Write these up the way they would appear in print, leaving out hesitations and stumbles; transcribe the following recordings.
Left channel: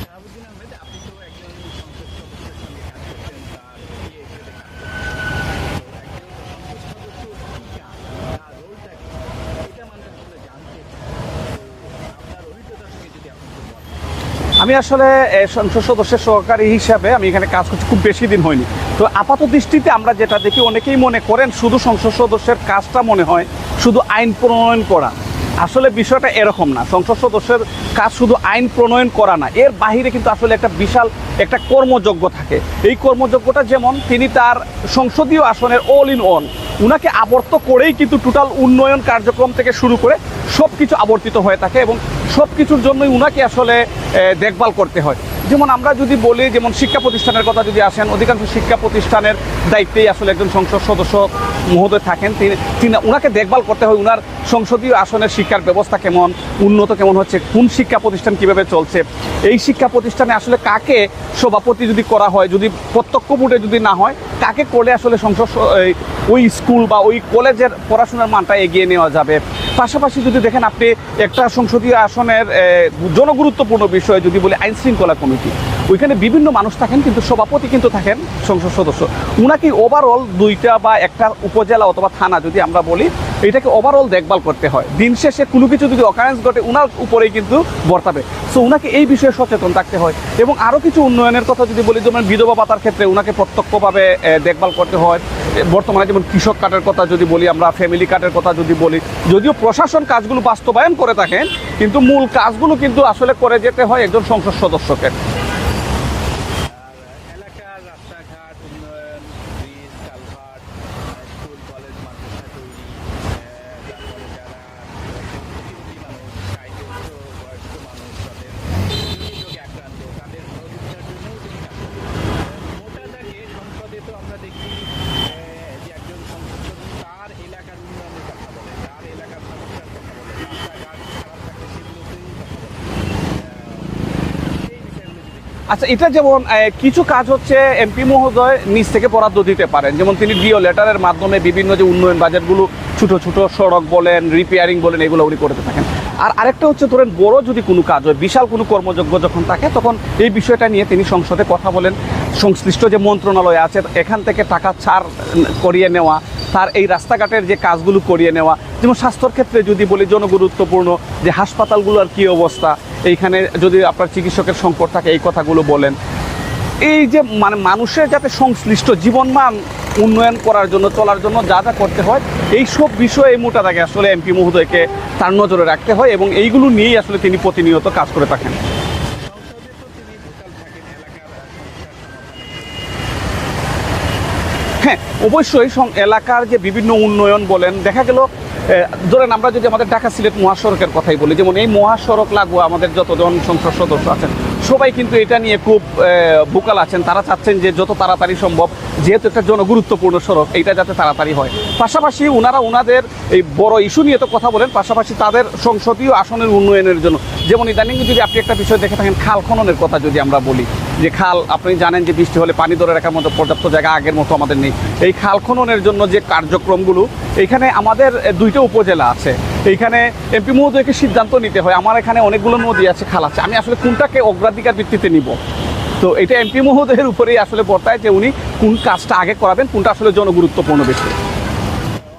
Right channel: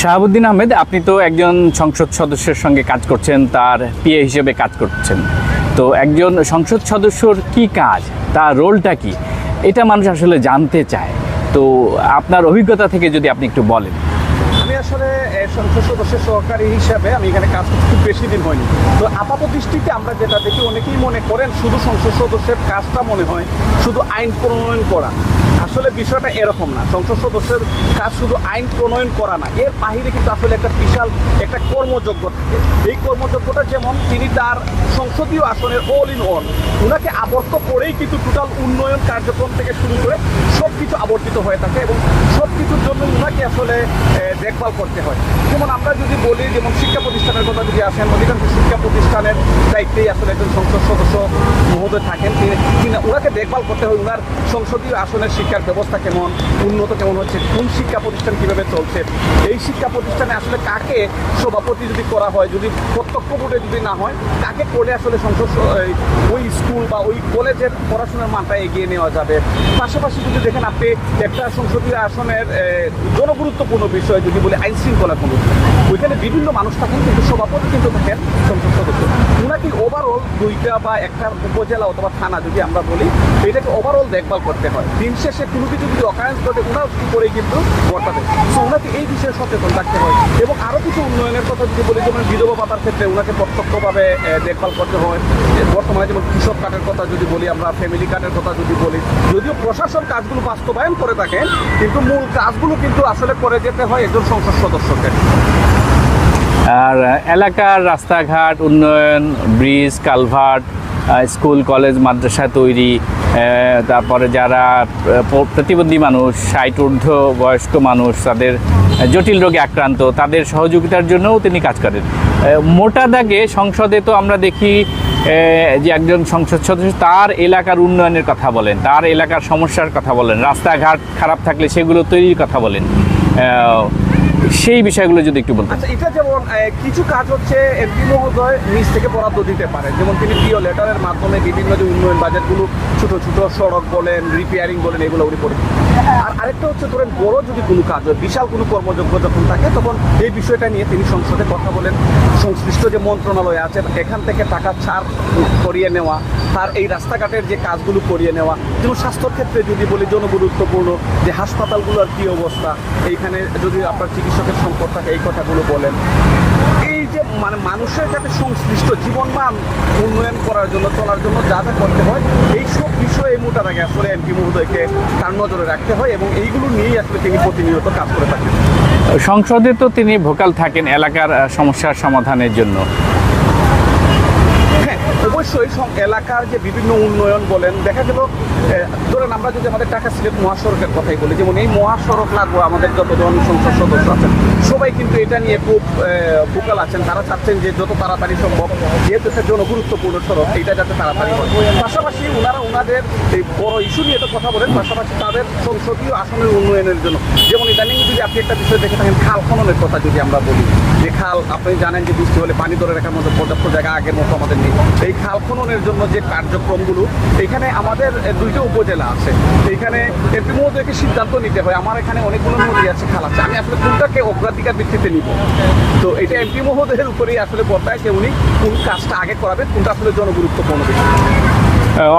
শাহাবুদ্দিন আহমেদ, আপনি তো একজন সংসদ সদস্যের সঙ্গে কাজ করছেন, তার পিএ হিসেবে কাজ করছেন। তো একজন সংসদ সদস্যর কি কাজ, তার রোলটা কি, এটা মানুষ আসলে জানতে চায়। তো আপনার অভিজ্ঞতা থেকে যদি আপনি একটু বলেন। আমি আসলে সংসদ সদস্যের সহকারী হিসাবে আমি এখানে কাজ করছি, খুব বেশি দিন হয়নি। তো আপাত দৃষ্টিতে আমরা যেটা দেখি, অনেকেই মনে করেন শুধু সংসদ সদস্যের কাজটা মনে হয় শুধু আইন প্রণয়ন করা। আসলে বিষয়টা এরকম না। সংসদ সদস্যের কাজ শুধু আইন প্রণয়ন করা না, এর বাহিরে কিন্তু আসলে একটা বিশাল একটা কর্মযজ্ঞ থাকে। এই কর্মযজ্ঞটা যেমন তিনি তার সংসদীয় আসনের অল ইন অল, উনাকে আবর্ত করেই কিন্তু টোটাল উন্নয়ন কার্যক্রম থেকে শুরু করে সব কিছু আবর্তিত হয়ে থাকে এবং সব কিছুর জন্যই উনাকে আসলে দেখভাল করতে হয়। যেমন আমরা যদি বলি, যেমন শিক্ষা প্রতিষ্ঠানের কথা যদি আসেন, অধিকাংশ শিক্ষা প্রতিষ্ঠানের দায়িত্বেই আসলে একজন সংসদ সদস্য মহোদয় থাকেন। তিনি উনাকে দেখভাল করতে হয়, উনার সংসদীয় আসনের শিক্ষার ব্যবস্থা কেমন, উন্নত কেমন হচ্ছে, কোন শিক্ষা প্রতিষ্ঠান কীভাবে চলছে, এই শিক্ষা প্রতিষ্ঠানে আসলে কাকে সভাপতি যদি করা হয়, যদি প্রত্যক্ষ ভোটে যদি না হয়, কাকে করলে আসলে সংসদ ওই স্কুল বা ওই কলেজের পড়াশোনার মানটা এগিয়ে নেওয়া যাবে। পাশাপাশি যদি দেখেন আপনি একটা সংসদীয় আসনের জনগুরুত্বপূর্ণ বিষয় যদি বলি, আইন শৃঙ্খলা কমিটি, ওইখানে বিভিন্ন মানুষ থাকেন কিন্তু সভাপতি কিন্তু থাকেন সংসদ সদস্য। উনাকে ওভারঅল দুইটা বা একটা উপজেলা অথবা থানা যদি আমরা বলি, এটাকে ওভারঅল দেখভাল করতে হয়। দিন শেষে কোনো কিছু যদি অকারেন্স ঘটে উনার উপরেই কিন্তু বর্তাবে। সো উনাকে এই বিষয়ে সচেতন থাকতে হয়। এবং আরও কিছু উন্নয়নের কথা যদি বলি, যেমন বিধবা ভাতার ক্ষেত্রে উনাকে প্রত্যক্ষভাবে দেখভাল করতে হয়। বর্তমানে যেমন কৃষক কার্ডের কথা যদি বলি, আমরা ফ্যামিলি কার্ডের কথা যদি বলি, যদিও প্রশাসন কাজগুলো বাস্তবায়ন করে থাকে, কিন্তু মূল কাজগুলো কিন্তু আসলে করে যেতে হয় একজন সংসদ সদস্যকে। আর এলাকার রাস্তাঘাট উন্নয়ন, ব্রিজ, কালভার্ট, স্কুল, কলেজ, মাদ্রাসা তৈরি, তারপরে যারা প্রতিবন্ধী মানুষ, 60 ঊর্ধ্ব বয়স্ক মানুষ, তাদের জটিল রোগে আক্রান্ত, তাদের সহযোগিতার জন্যও তিনি কাজ করেন। মোটা দাগে সংসদে তো আমরা দেখি যে একজন সংসদ সদস্য তার এলাকার উন্নয়নের কথা বলেন, তার এলাকার সমস্যার কথা বলেন, রাস্তাঘাট খারাপ থাকলে সেগুলো তৈরির কথা বলেন। সেই বিষয়গুলো যদি একটু বলুন। আচ্ছা, এটা যেমন কিছু কাজ হচ্ছে এমপি মহোদয় নিজ থেকে বরাদ্দ দিতে পারেন। যেমন তিনি ডিও লেটারের মাধ্যমে বিভিন্ন যে উন্নয়ন বাজেটগুলো, ছোট ছোট সড়ক বলেন, রিপেয়ারিং বলেন, এগুলো উনি করে থাকেন। আর আরেকটা হচ্ছে, ধরেন বড় যদি কোনো কাজ হয়, বিশাল কোনো কর্মযজ্ঞ যখন থাকে, তখন এই বিষয়টা নিয়ে তিনি সংসদে কথা বলেন। সংশ্লিষ্ট যে মন্ত্রণালয় আছে এখান থেকে টাকা ছাড় করিয়ে নেওয়া, তার এই রাস্তাঘাটের যে কাজগুলো করিয়ে নেওয়া। যেমন স্বাস্থ্যর ক্ষেত্রে যদি বলি, জনগুরুত্বপূর্ণ যে হাসপাতালগুলোর কী অবস্থা, এইখানে যদি আপনার চিকিৎসকের সংকট থাকে, এই কথাগুলো বলেন। এই যে মানে মানুষের যাতে সংশ্লিষ্ট জীবনমান উন্নয়ন করার জন্য, চলার জন্য যা যা করতে হয়, এই সব বিষয়ে এই মোটা দাগে আসলে এমপি মহোদয়কে তার নজরে রাখতে হয় এবং এইগুলো নিয়েই আসলে তিনি প্রতিনিয়ত কাজ করে থাকেন। সংসদে তো তিনি ভোকাল থাকেন এলাকার সমস্যার সমাধানের জন্য। হ্যাঁ, অবশ্যই এলাকার যে বিভিন্ন উন্নয়ন বলেন, দেখা গেল ধরেন আমরা যদি আমাদের ঢাকা সিলেট মহাসড়কের কথাই বলি, যেমন এই মহাসড়ক লাগোয়া আমাদের যতজন সংসদ সদস্য আছেন সবাই কিন্তু এটা নিয়ে খুব ভোকাল আছেন। তারা চাচ্ছেন যে যত তাড়াতাড়ি সম্ভব, যেহেতু একটা জনগুরুত্বপূর্ণ সড়ক, এইটা যাতে তাড়াতাড়ি হয়। পাশাপাশি ওনারা ওনাদের এই বড় ইস্যু নিয়ে তো কথা বলেন, পাশাপাশি তাদের সংসদীয় আসনের উন্নয়নের জন্য। যেমন ইদানিং যদি আপনি একটা বিষয় দেখে থাকেন, খাল খননের কথা যদি আমরা বলি, যে খাল আপনি জানেন যে বৃষ্টি হলে পানি ধরে রাখার মতো পর্যাপ্ত জায়গা আগের মতো আমাদের নেই। এই খাল খননের জন্য যে কার্যক্রমগুলো, এখানে আমাদের দুইটা উপজেলা আছে, এইখানে এমপি মহোদয়কে সিদ্ধান্ত নিতে হয়। আমার এখানে অনেকগুলো নদী আছে, খাল আছে, আমি আসলে কোনটাকে অগ্রাধিকার ভিত্তিতে নিব। তো এটা এমপি মহোদয়ের উপরেই আসলে বর্তায় যে উনি কোন কাজটা আগে করাবেন, কোনটা আসলে জনগুরুত্বপূর্ণ বিষয়।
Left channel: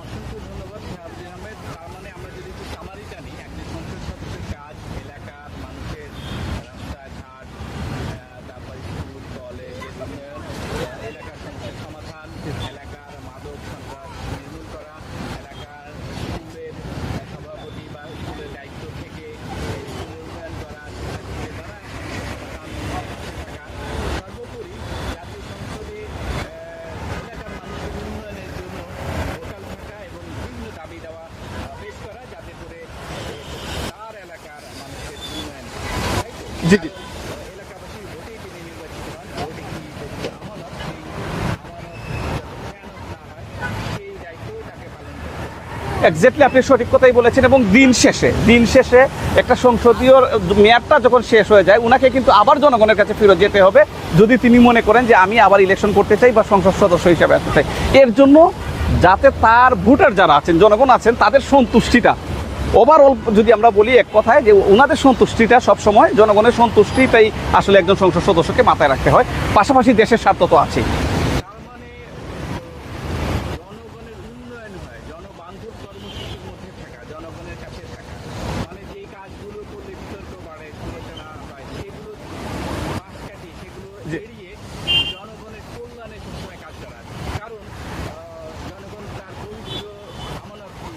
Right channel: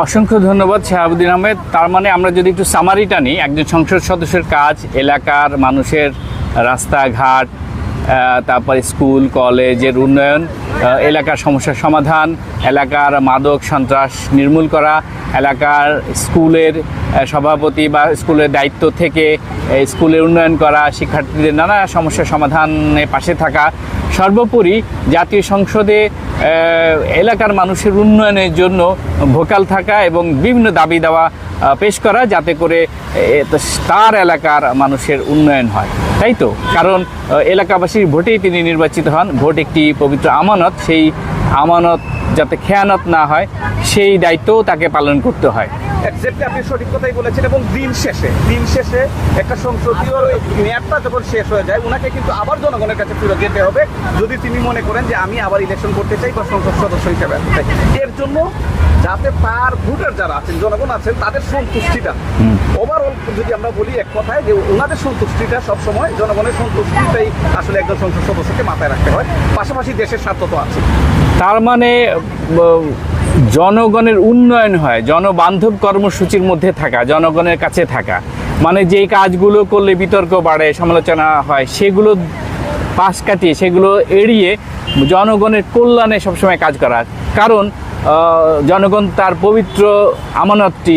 অসংখ্য ধন্যবাদ শাহাবুদ্দিন আহমেদ। তার মানে আমরা যদি একটু সামারিটা নিই, একজন সংসদ সদস্যের কাজ এলাকার মানুষের রাস্তাঘাট, তারপর স্কুল কলেজের উন্নয়ন, এলাকার সমস্যার সমাধান, এলাকার মাদক সন্ত্রাস নির্মূল করা, এলাকার স্কুলের সভাপতি বা স্কুলের দায়িত্ব থেকে স্কুলের উন্নয়ন করা, শিক্ষার্থীদের নানা সমস্যার সমাধানে পাশে থাকা, সর্বোপরি জাতীয় সংসদে এলাকার মানুষের উন্নয়নের জন্য ভোকাল থাকা এবং বিভিন্ন দাবি দাওয়া পেশ করা, যাতে করে তার এলাকার মানুষের উন্নয়ন হয়, তাই তো? কারণ এলাকাবাসীর ভোটেই তিনি নির্বাচিত হন। ভোট একটি পবিত্র আমানত, সেই আমানত যাতে খেয়ানত না হয় সেই দায়িত্বও তাকে পালন করতে হয়। এক্স্যাক্টলি, আপনি সঠিক কথাই বলেছেন। এবং দিন শেষে একটা সংসদীয় মেয়াদটা যখন শেষ হয়ে যায়, ওনাকে কিন্তু আবার জনগণের কাছে ফিরে যেতে হবে, যদি তিনি মনে করেন যে আমি আবার ইলেকশন করতে চাই বা সংসদ সদস্য হিসেবে আসতে চাই। এর জন্য যাতে তার ভোটার যারা আছেন, জনগণ আছেন, তাদের সন্তুষ্টিটা ওভারঅল যদি আমরা বলি এক কথায় যে ওনাদের সন্তুষ্টিটা সবসময়, জনগণের সন্তুষ্টিটাই আসলে একজন সংসদ সদস্যকে মাথায় রাখতে হয়, পাশাপাশি দেশের স্বার্থ তো আছে। তার মানে জনগণের উন্নয়ন হয়, জনবান্ধব কর্মসূচির মধ্যে থাকা, জনগণের কাছে থাকা, মানে যেই কাজগুলো করলে বিতর্ক বাড়ে, সমালোচনা হয়, সেগুলো পাশ কাটিয়ে, সেগুলো এড়িয়ে জনগণের কল্যাণে সবসময় কাজ করা। কারণ জনগণ তার পবিত্র আমানতটি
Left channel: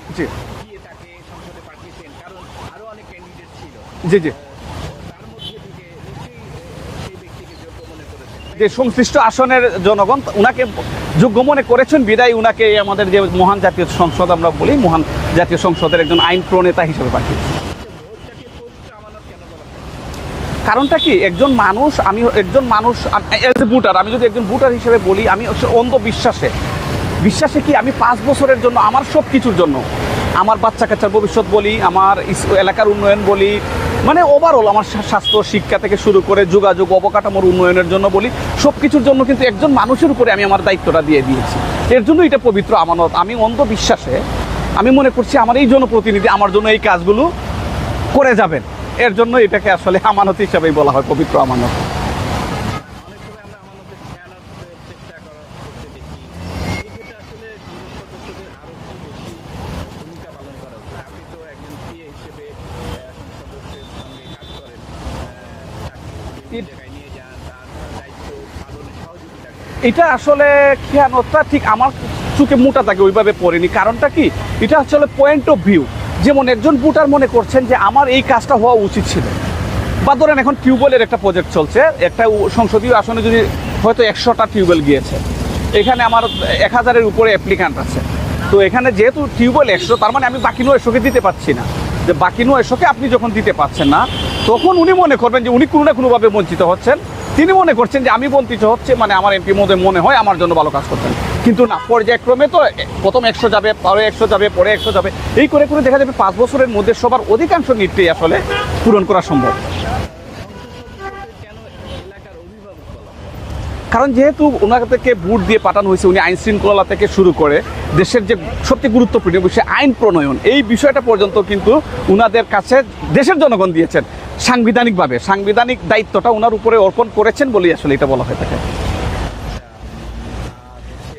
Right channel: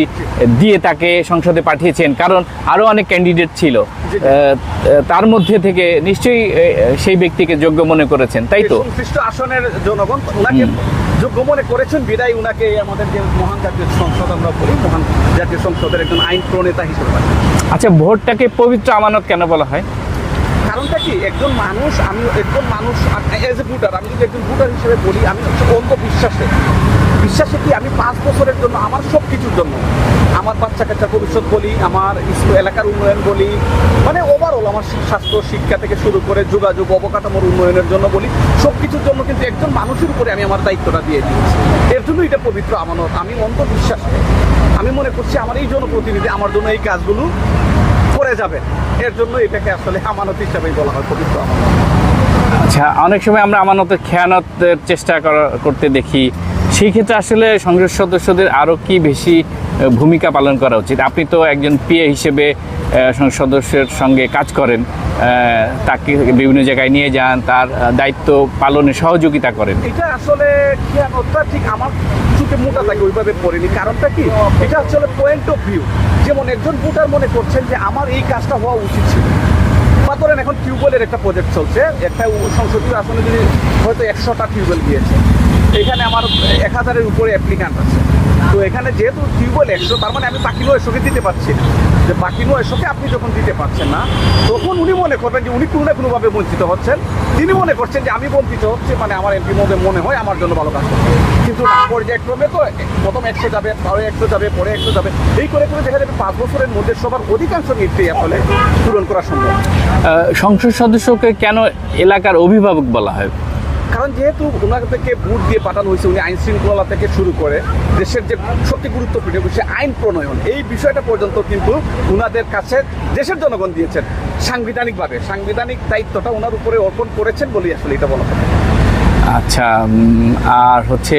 দিয়ে তাকে সংসদে পাঠিয়েছেন, কারণ আরও অনেক ক্যান্ডিডেট ছিল, জি, জি। তার মধ্যে থেকে নিশ্চয়ই সেই ব্যক্তিকে যোগ্য মনে করেছেন, তাই তো? সংশ্লিষ্ট আসনের জনগণ ওনাকে যোগ্য মনে করেছেন বিদায় উনাকে আমাদের যে মহান জাতীয় সংসদ আমরা বলি, মহান জাতীয় সংসদের একজন আইন প্রণেতা হিসেবে পাই। আচ্ছা, ভোটটাকে পবিত্র আমানত কেন বলা হয়? কারণটা কি, একজন মানুষ, আমি একজন মানুষ অ্যাজ এ ভোটার, আমি যদি একজন ভোটার হিসেবে বলি, আমি অন্ধ বিশ্বাসে কি আমি 5 বছরের জন্য আমার সব কিছুর জন্য, আমার বাচ্চা কাচ্চার ভবিষ্যৎ বলি, আমার এলাকার উন্নয়ন বলি, মানে ওভারঅল আমার স্বাস্থ্য শিক্ষা থেকে শুরু করে যোগাযোগ অবকাঠামোর উন্নয়নের জন্য বলি, সব কিছুর জন্য কিন্তু একজন মানুষের উপরে আমি আমার দায়িত্বটা দিয়ে দিয়েছি। এর জন্য এটা পবিত্র আমানত। আমি অন্ধ বিশ্বাসে আমি মনে করছি আমার এই জনপ্রতিনিধি আমার জন্য এই কাজগুলো করে যাবেন, এর জন্য এটাকে আসলে আমানত হিসাবেই বলা হয়, পবিত্র আমানত। আচ্ছা, অনেক সময় আমরা আমানতের খেয়ানতের চেষ্টা করতে দেখি, সেই ক্ষেত্রে আসলে সংসদ সদস্যদের আরও কি বেশি ভূমিকা পালন করা উচিত? আপনি তো একজন পিএ হিসেবে সংসদ সদস্যের সঙ্গে কাজ করেন, তাকে বিভিন্ন জায়গায় নিয়ে যান, তার দায়িত্ব পালনে সহযোগিতা করেন। এটা আসলে খেয়ানতটা ঠিক আমার চোখে মোটা থাকে ওইভাবে পড়িনি। কারণটা কি, এটা আসলে পয়েন্ট অফ ভিউ। যেমন একজন ভোটার মনে করছেন যে আমার এই কাজটা হওয়া উচিত ছিল, বা ধরেন এখন টিউবওয়েলের একটা প্রজেক্ট চলছে, একটা সংসদীয় আসনে যদি হয়তো 100টা টিউবওয়েল গিয়েছে, এখানে আমার 1000-এর উপরে অ্যাপ্লিকান্ট আছে, তো এখানে যেহেতু টিউবওয়েল 100, তার মানে আমি বাকি 900কে দিতে পারছি না। যে বাকি 900কে আপনি যখন দিতে পারছেন না, তখন উনি মনে করবেন যে উনি কোনো না কোনোভাবে বঞ্চিত হচ্ছেন। তিনি মনে করছেন যে আমি বঞ্চিত হচ্ছে, মানে আমার এমপি মনে হয় আমার জন্য ভালো কাজ করতে হবে। কিন্তু না, পর্যায়ক্রমে তো প্রথম 100 যাবে, পরে 100 যাবে, পরে 100 যাবে, এই করে করে দেখা যাবে 5 বছরের মধ্যে সবার অধিকাংশ নিডটাই আসলে পূরণ করা সম্ভব। সংসদ সদস্যকে কেন এলাকার অভিভাবক বলা হয়? কারণ যেহেতু ওনার থেকে ভোট দিয়ে পাঠানো হয়েছে, উনি আইন শৃঙ্খলা থেকে শুরু করে দেশের যে সবচেয়ে গুরুত্বপূর্ণ বিষয় আইন প্রণয়ন, এই বিষয়টা পর্যন্ত কিন্তু উনাদের কাছে দেশের জনগণ দিয়েছেন সাংবিধানিকভাবে। সাংবিধানিক দায়িত্বটা ওনার উপরে অর্পণ করেছেন বলেই আসলে এটা বলা হয়। আচ্ছা, আর হচ্ছে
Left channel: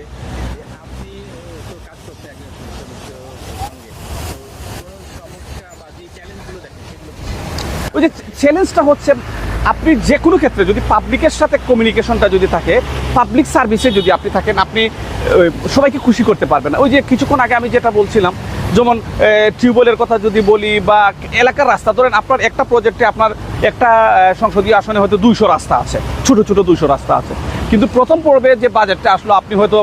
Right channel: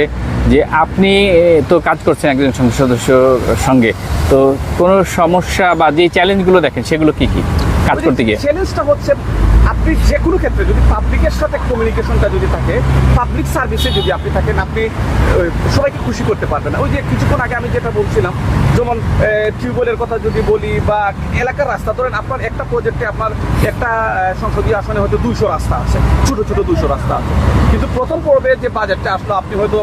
যে আপনি তো কাজ করছেন একজন সংসদ সদস্যর সঙ্গে, তো কোনো সমস্যা বা যে চ্যালেঞ্জগুলো দেখেন সেগুলো কি কি কাজ করতে গিয়ে? চ্যালেঞ্জটা হচ্ছে, আপনি যে কোনো ক্ষেত্রে যদি পাবলিকের সাথে কমিউনিকেশনটা যদি থাকে, পাবলিক সার্ভিসে যদি আপনি থাকেন, আপনি সবাইকে খুশি করতে পারবেন না। ওই যে কিছুক্ষণ আগে আমি যেটা বলছিলাম, যেমন টিউবওয়েলের কথা যদি বলি, বা এলাকার রাস্তা, ধরেন আপনার একটা প্রজেক্টে আপনার একটা সংসদীয় আসনে হয়তো 200 রাস্তা আছে, ছোট ছোট 200 রাস্তা আছে, কিন্তু প্রথম পর্বে যে বাজেটটা আসলো আপনি হয়তো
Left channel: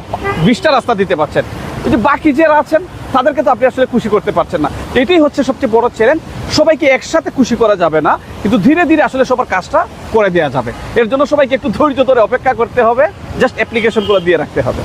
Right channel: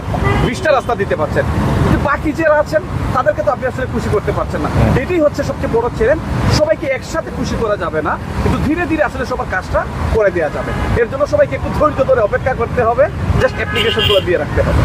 20টা রাস্তা দিতে পারছেন, যে বাকি যারা আছেন তাদেরকে তো আপনি আসলে খুশি করতে পারছেন না। এটাই হচ্ছে সবচেয়ে বড় চ্যালেঞ্জ। সবাইকে একসাথে খুশি করা যাবে না, কিন্তু ধীরে ধীরে আসলে সবার কাজটা করে দেওয়া যাবে। এর জন্য সবাইকে একটু ধৈর্য ধরে অপেক্ষা করতে হবে, জাস্ট অ্যাপ্লিকেশন করে দিয়ে রাখতে হবে।